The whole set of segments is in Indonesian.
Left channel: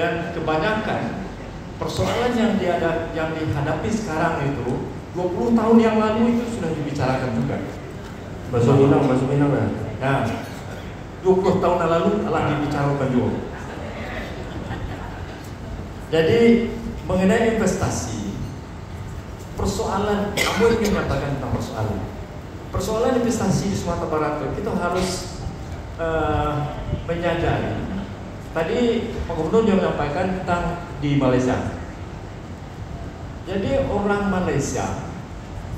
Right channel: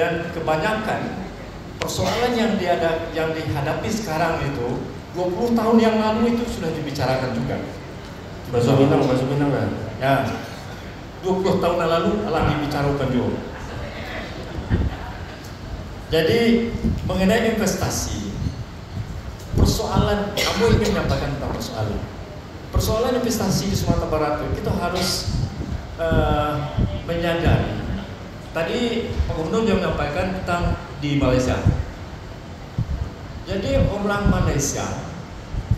Dan kebanyakan persoalan yang dihadapi sekarang itu 20 tahun yang lalu itu sudah dibicarakan juga. Masuk minang kan? Ya, 20 tahun yang lalu telah dibicarakan juga. Jadi mengenai investasi, persoalan, aku ingin menyampaikan tentang persoalan investasi di Sumatera Barat itu kita harus menyadari. Tadi Pak Gubernur juga menyampaikan tentang di Malaysia. Jadi orang Malaysia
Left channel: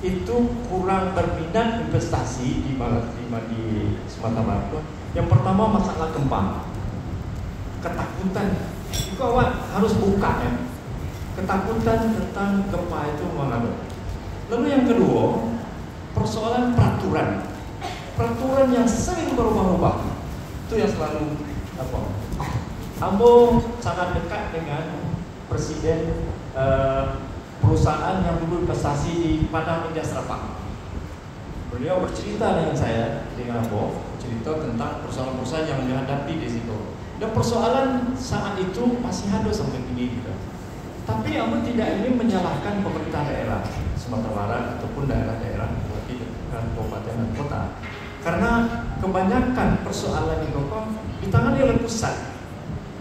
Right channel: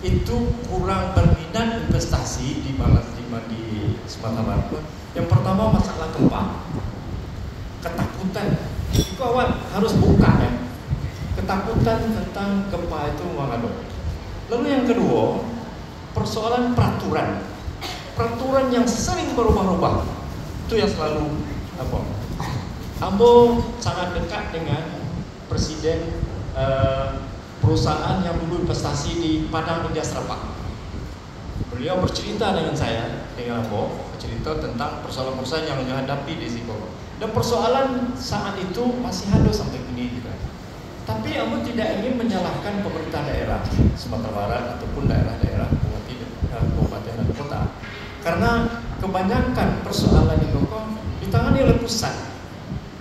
itu kurang berminat investasi di Sumatera Barat. Yang pertama masalah gempa, ketakutan. Itu awak harus buka ya. Ketakutan tentang gempa itu mengadu. Lalu yang kedua, persoalan peraturan yang sering berubah-ubah. Itu yang selalu apa? Ambo sangat dekat dengan presiden perusahaan yang dulu investasi di Padang Industrial Park. Beliau bercerita dengan saya, dengan Ambo, bercerita tentang persoalan-persoalan yang dihadapi di situ. Dan persoalan saat itu masih ada sampai kini juga. Tapi Ambo tidak ingin menyalahkan pemerintah daerah Sumatera Barat ataupun daerah-daerah kabupaten dan kota. Karena kebanyakan persoalan di Bogor ditangani oleh pusat.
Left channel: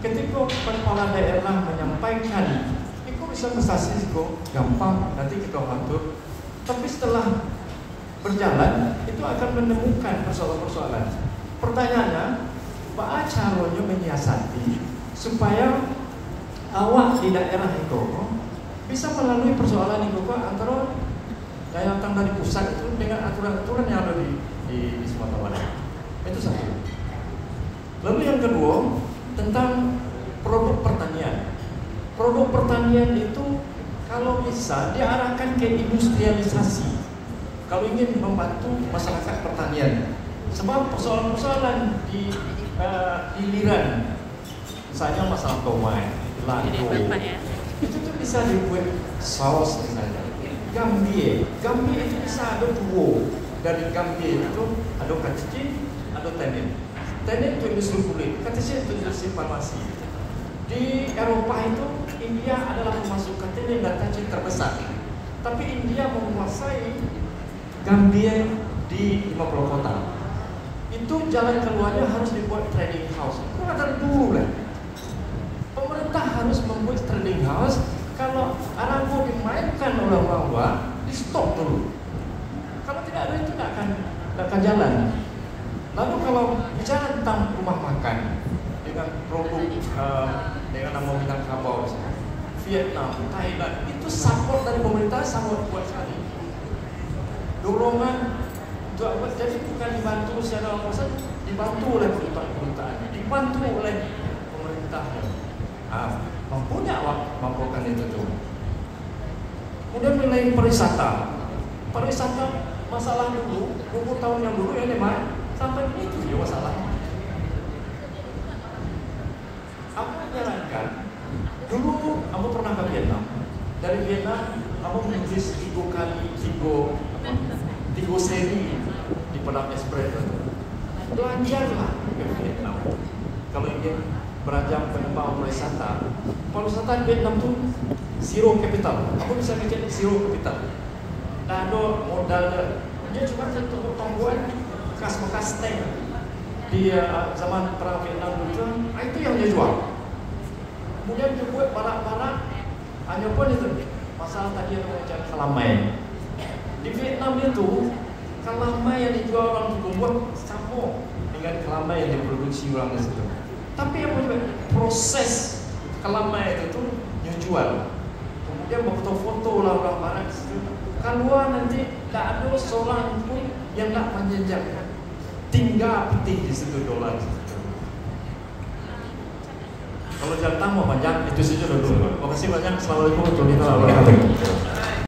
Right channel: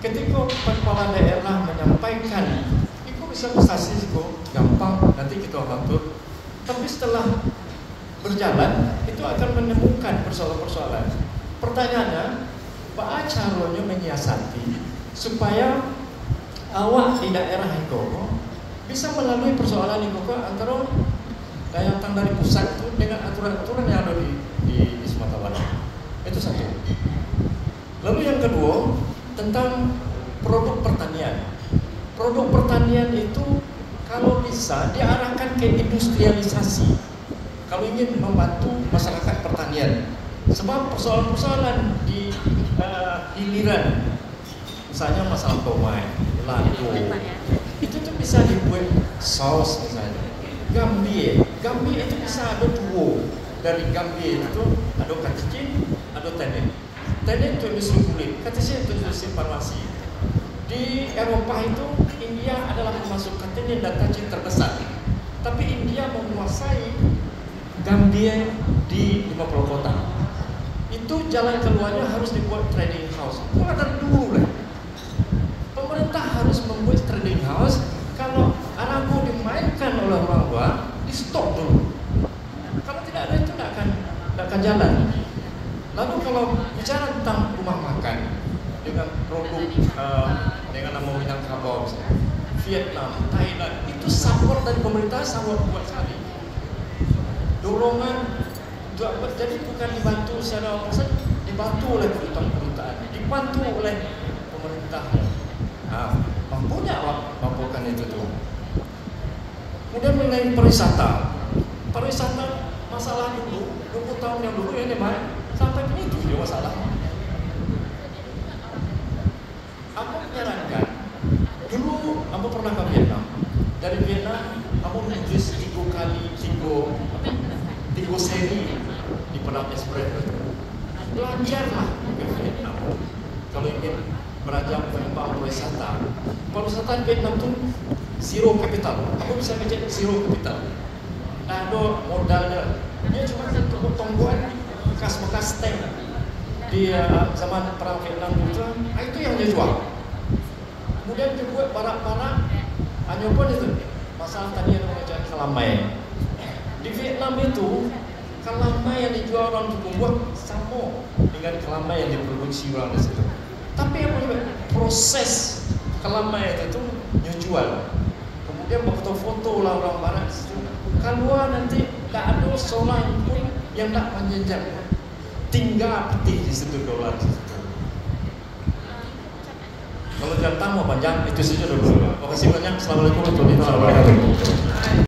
Ketika kepala daerah menyampaikan, itu bisa investasi kok gampang, nanti kita bantu. Tapi setelah berjalan, itu akan menemukan persoalan-persoalan. Pertanyaannya, bagaimana caranya menyiasati supaya awak di daerah itu bisa melalui persoalan itu antara daya tahan dari pusat itu dengan aturan-aturan yang ada di Sumatera Barat. Itu satu. Lalu yang kedua, tentang produk pertanian. Produk pertanian itu kalau bisa diarahkan ke industrialisasi. Kalau ingin membantu masyarakat pertanian, sebab persoalan-persoalan di hiliran, misalnya masalah tomat, lado, itu tuh bisa dibuat saus misalnya. Gambie itu bisa ada dua. Dari gambie itu ada kacang, ada tenin. Tenin itu industri kulit, kacang itu industri farmasi. Di Eropa itu India adalah pemasok tenin dan kacang terbesar. Tapi India menguasai gambie di 50 kota. Itu jalan keluarnya harus dibuat trading house. Mulai dari dulu lah. Pemerintah harus membuat trading house. Kalau anak mau dimainkan oleh orang tua, di stop dulu. Kalau tidak ada itu tidak akan jalan. Lalu kalau bicara tentang rumah makan dengan produk dengan nama Minangkabau, Vietnam, Thailand, itu support dari pemerintah sangat kuat sekali. Dorongan jadi bukan dibantu secara langsung, dibantu oleh pemerintah, dibantu oleh pemerintah. Mampunya mampukan itu tuh. Kemudian mengenai pariwisata masalah dulu 20 tahun yang dulu ya memang sampai begitu juga masalah. Aku menyarankan dulu aku pernah ke Vietnam. Dari Vietnam aku menulis 3 kali 3 seri di Padang Express. Belajarlah ke Vietnam kalau ingin beranjak tentang pariwisata. Pariwisata Vietnam itu zero capital. Aku bisa ngecek zero capital. Nah, ada modal. Dia cuma untuk pertumbuhan bekas-bekas tank di zaman perang Vietnam itu. Itu yang dia jual. Kemudian dibuat barang-barang hanya pun itu masalah tadi yang mengecek kelamai. Di Vietnam itu kelamai yang dijual orang membuat sama dengan kelamai yang diproduksi orang di situ. Tapi yang proses kelamai itu jual. Kemudian foto-foto orang barat di situ. Keluar nanti tak ada seorang pun yang nak menjejak. Tinggal peti di situ dolar. Kalau datang mau panjang itu saja dulu. Terima kasih banyak. Assalamualaikum warahmatullahi wabarakatuh.